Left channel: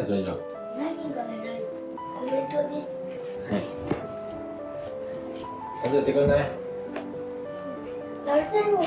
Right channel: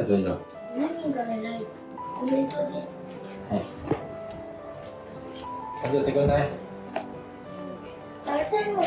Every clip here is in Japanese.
何それの。何が偉いコメントで。数えてくれない？誰でも。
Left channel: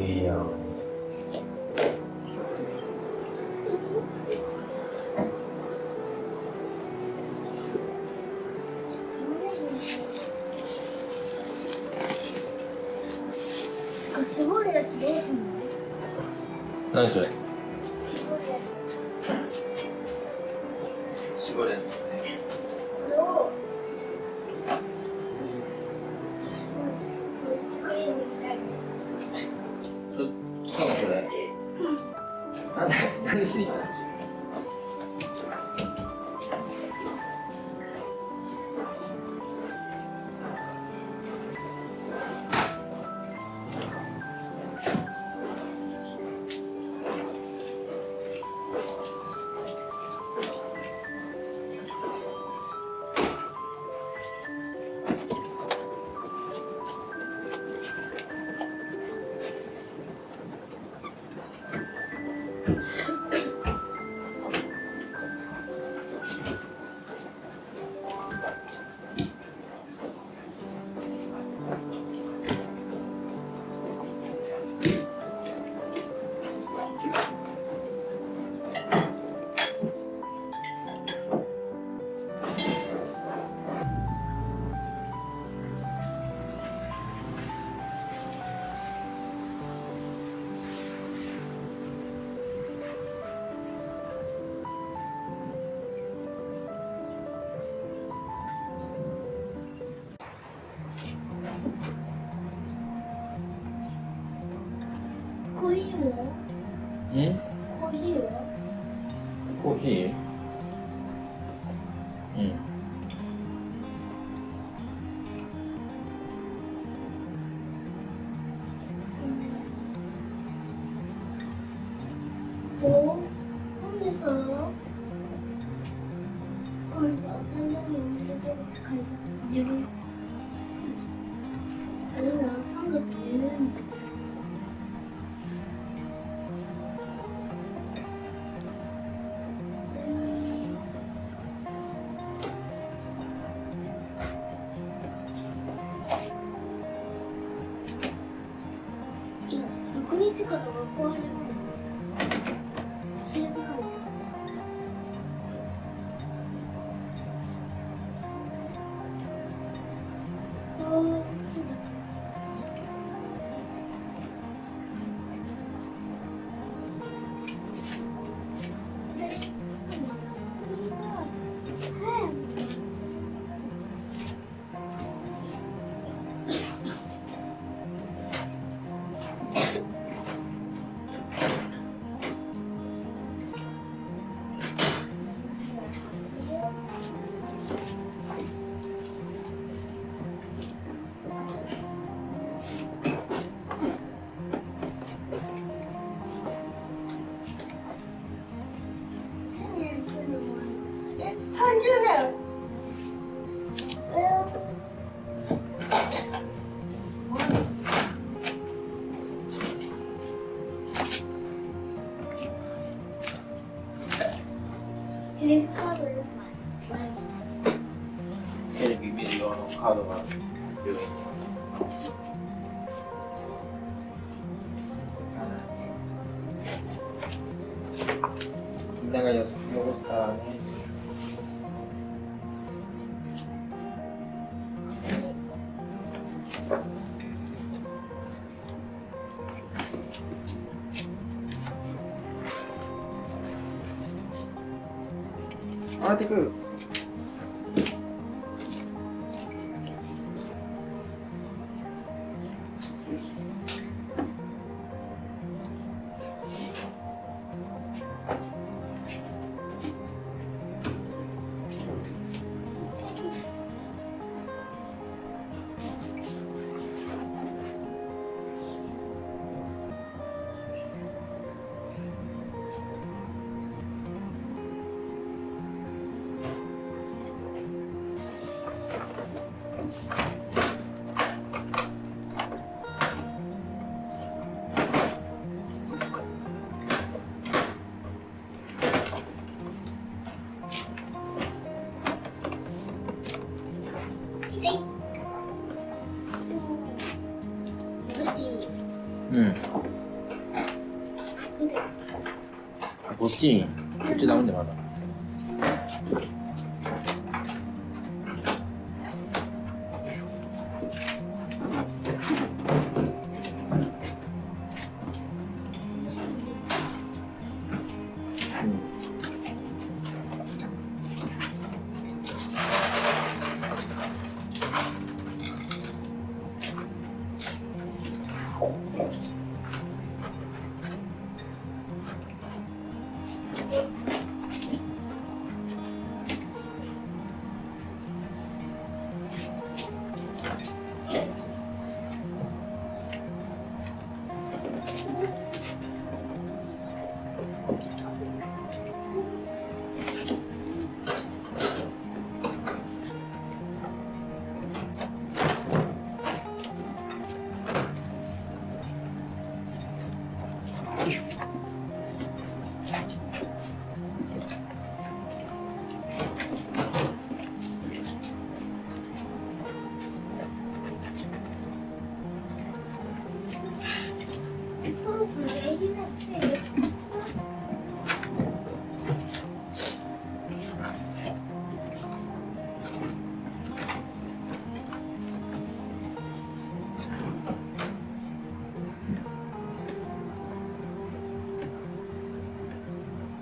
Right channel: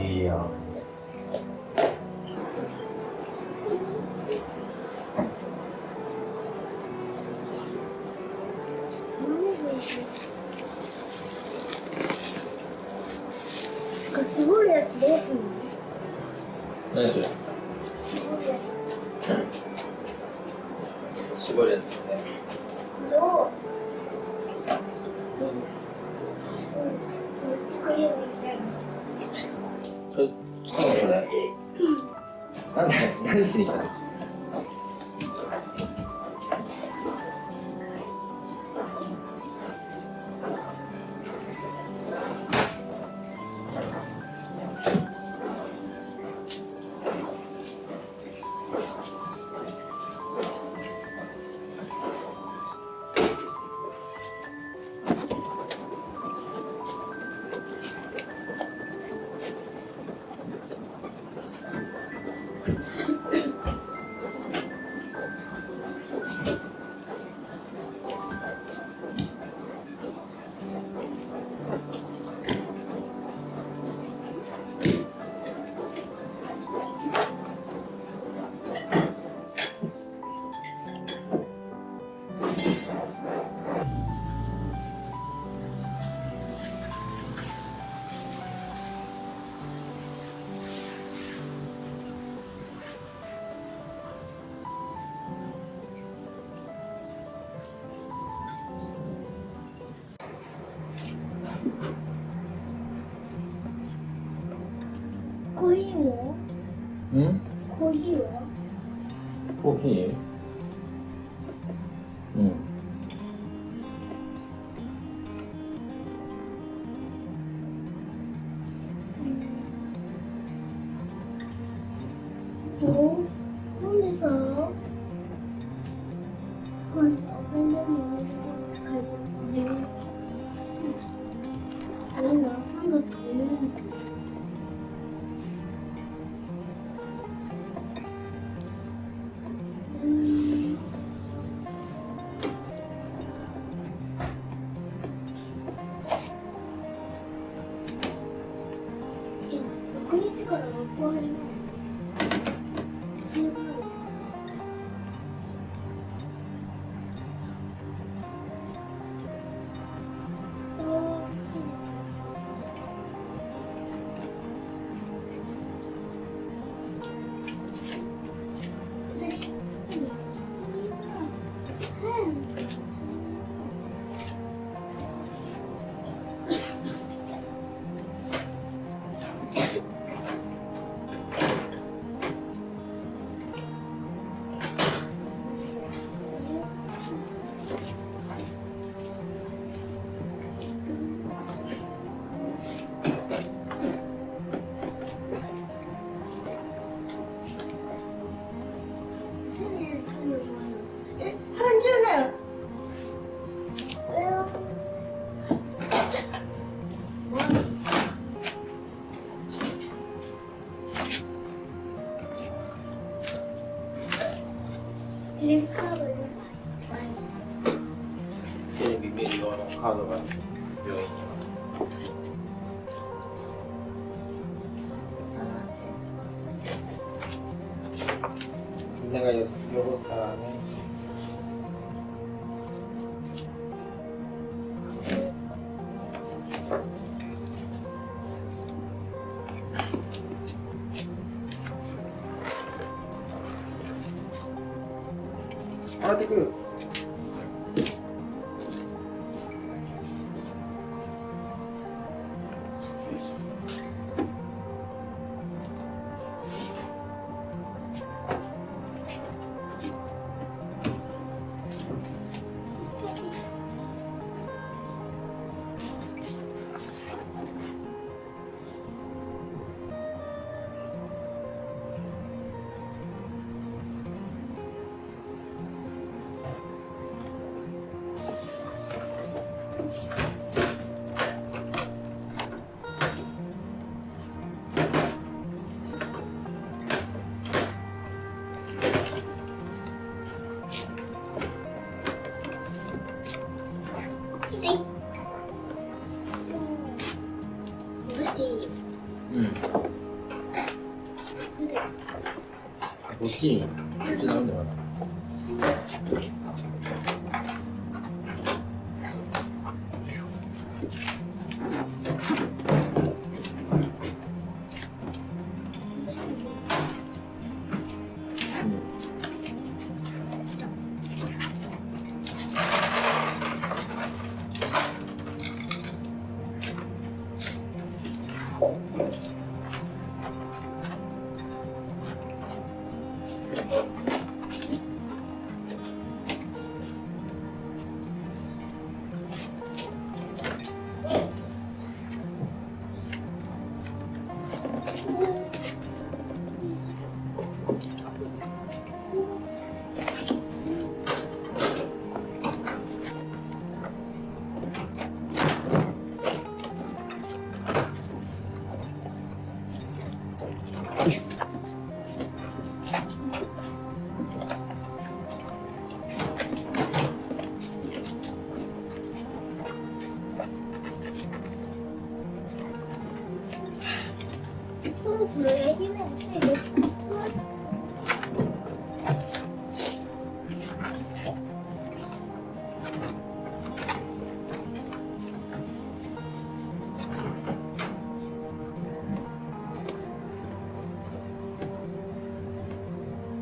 いいやん。絞るやつどうすんの？何それ？絞るや絞るやつね。つ。これを。クリームみたいな。そうそれ。何しに来たんですか？コーヒーも？コーヒーは？コーヒー？うん。なんでさ、これが何でもおめでとうって書いて自分なんだ、3月に言うんだ。6日から学校始まるの？教えないの？テレビカードよ。テレビ見る用のカードが病院には。みんなが安く汚すからね。上がってくる。こっちにこっちなんでまだよいしょ。そろそろ焼きなさいよ。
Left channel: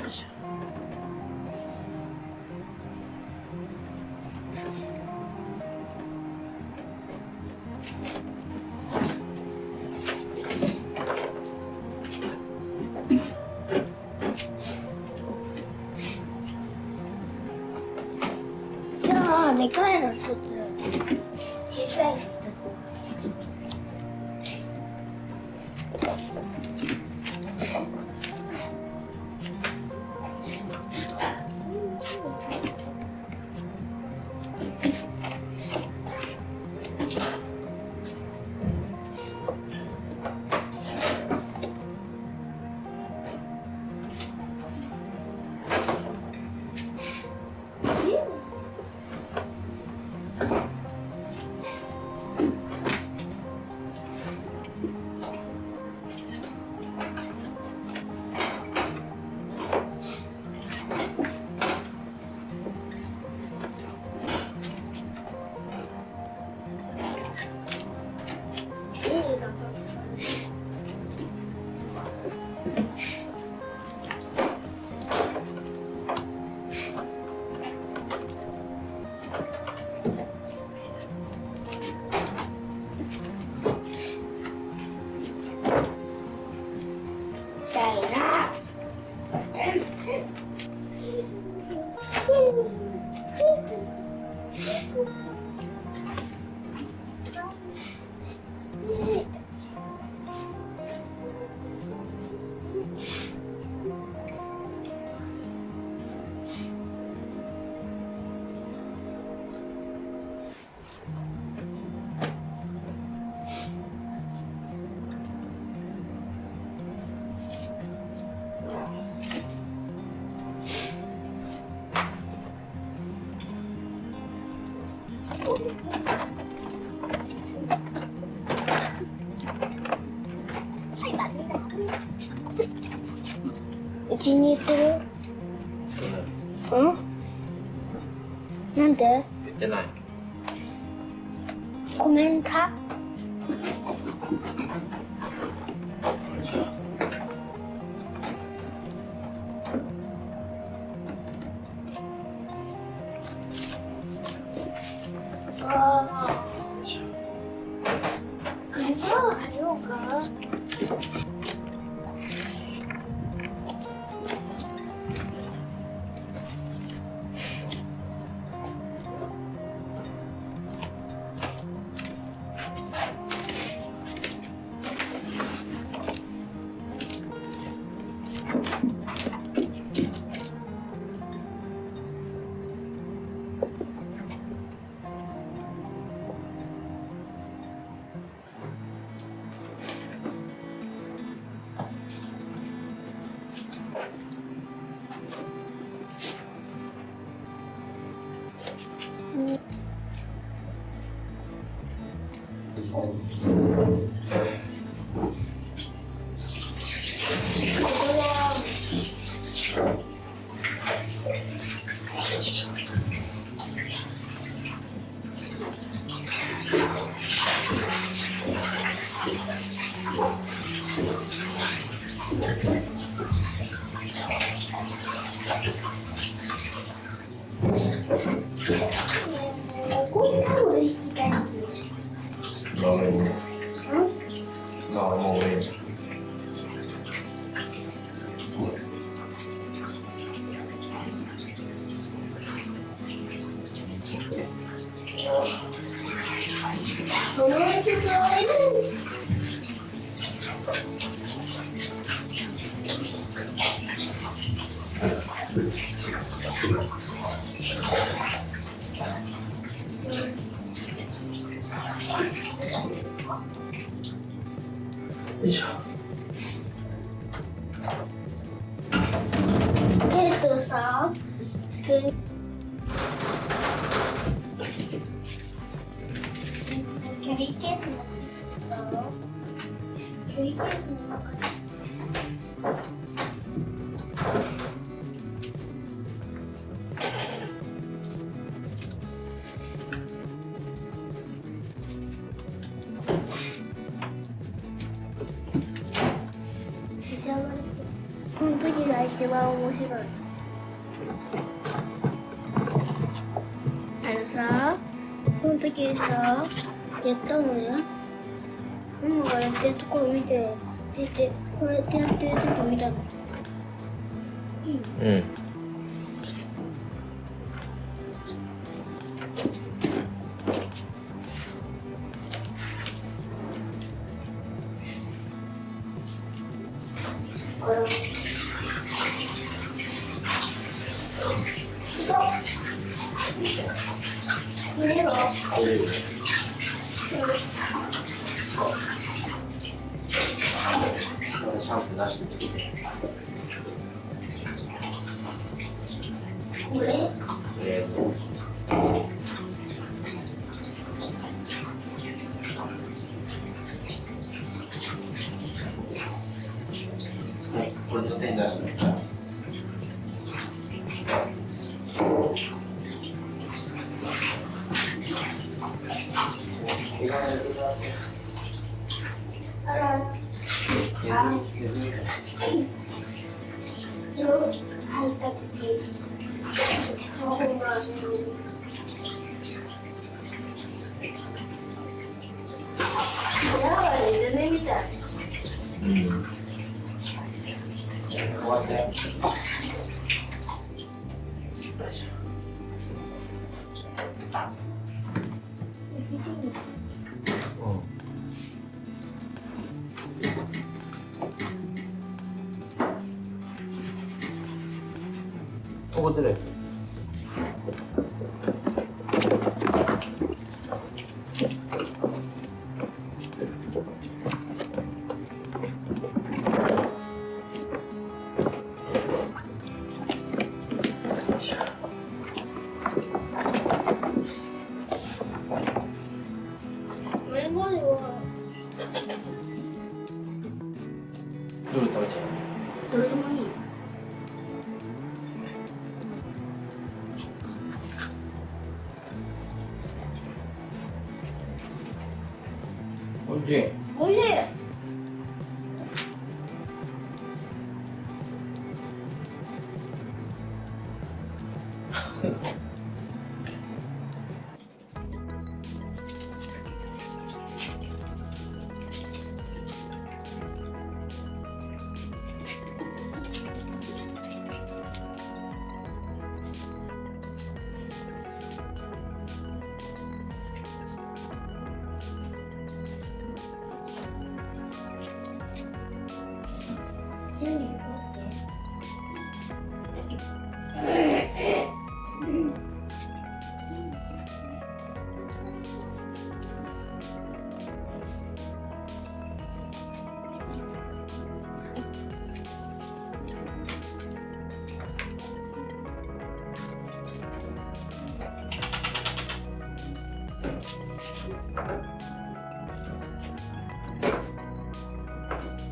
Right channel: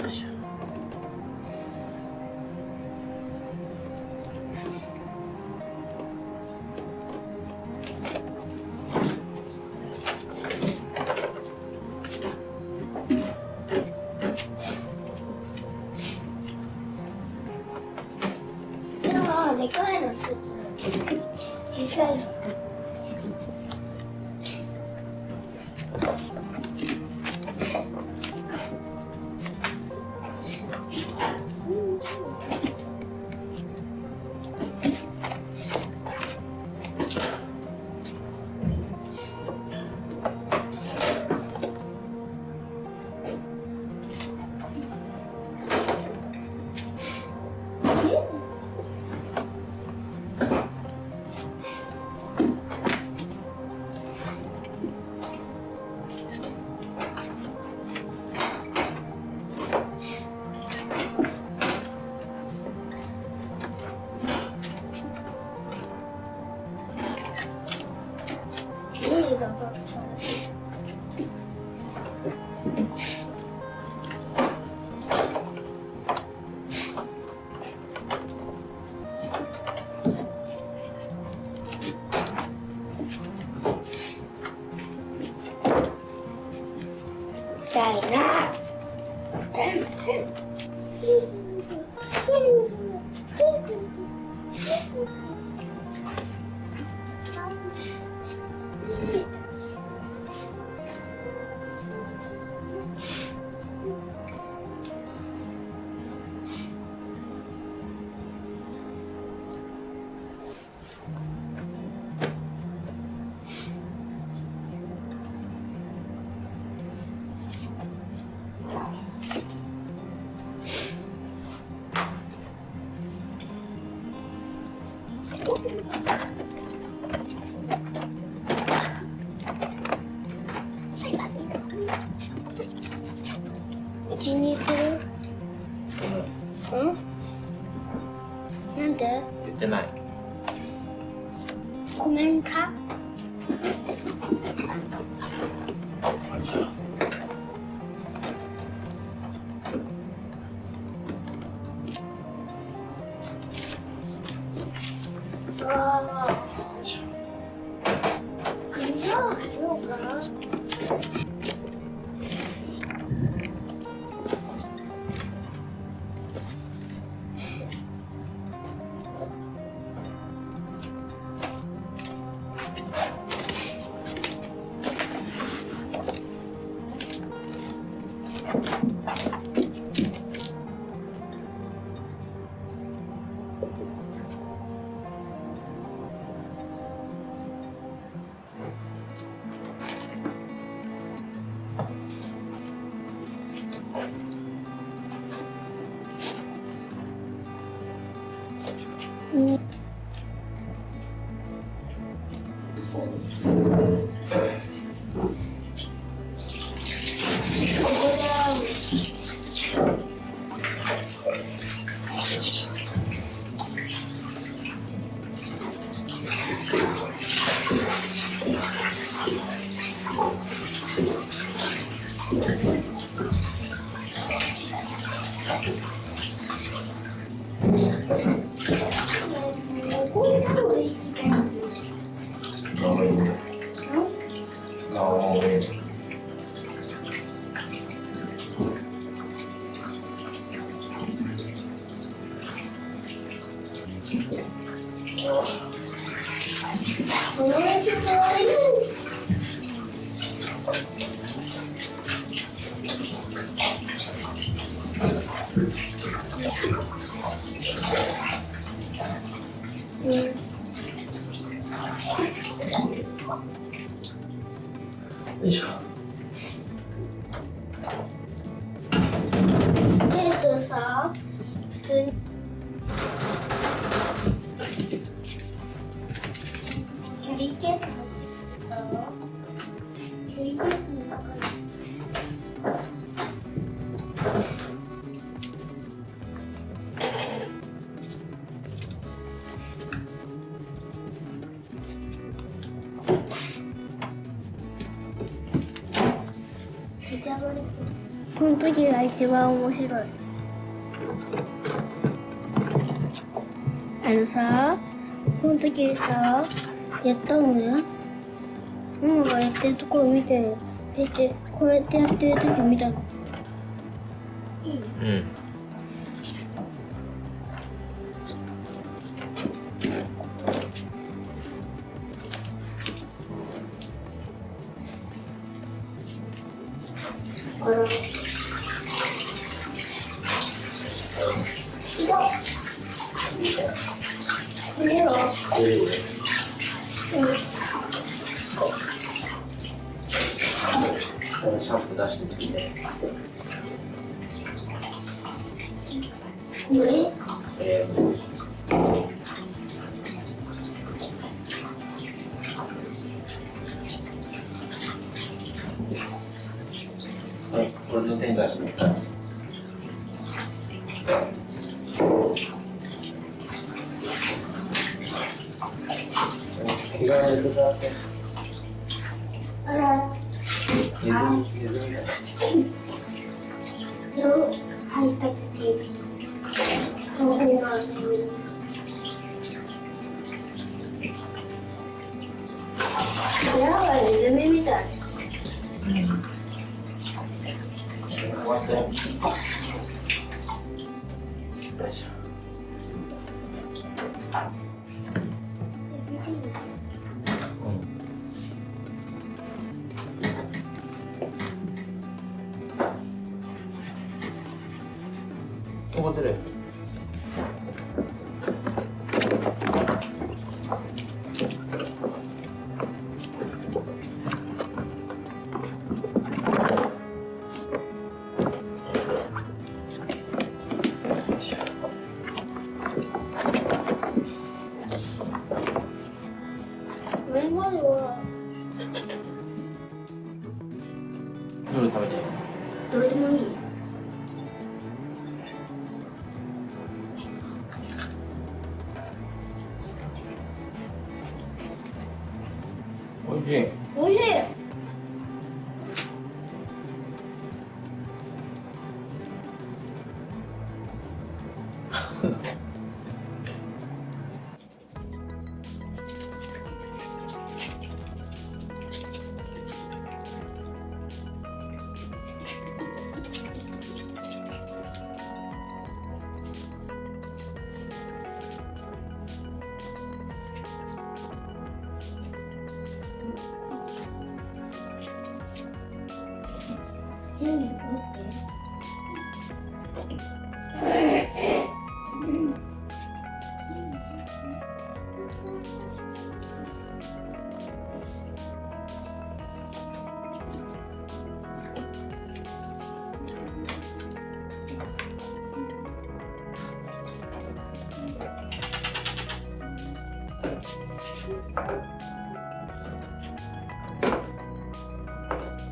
よいしょ。でもでかいの一つ、小さいの一つ。うちに来る？うん？なんで？言ってない。コメント？ああ。水を入ろうか？よいしょ。蹴るとさ、普通にキャリーケース持ってきてさ、キャリーケースの中にめちゃ悪い。この時が一番面白い。さ、この時にさ、やったのね。ママがやってるところ見て、そしてこうやってやってる時見たの。いい？うん。シャンプー出してきて。これ？これの手に出してみたら。着替えるだけ。あら。削りだ。入った時、顔がやばい、ネズミみたい。うん。こうやって。よいしょ。怒ってる。これまではどれ食べていい？どれでもいい。おいしい。おいしい。準備持って。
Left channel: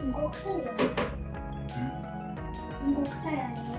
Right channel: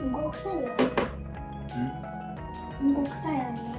動くさいよね。動くさいよね。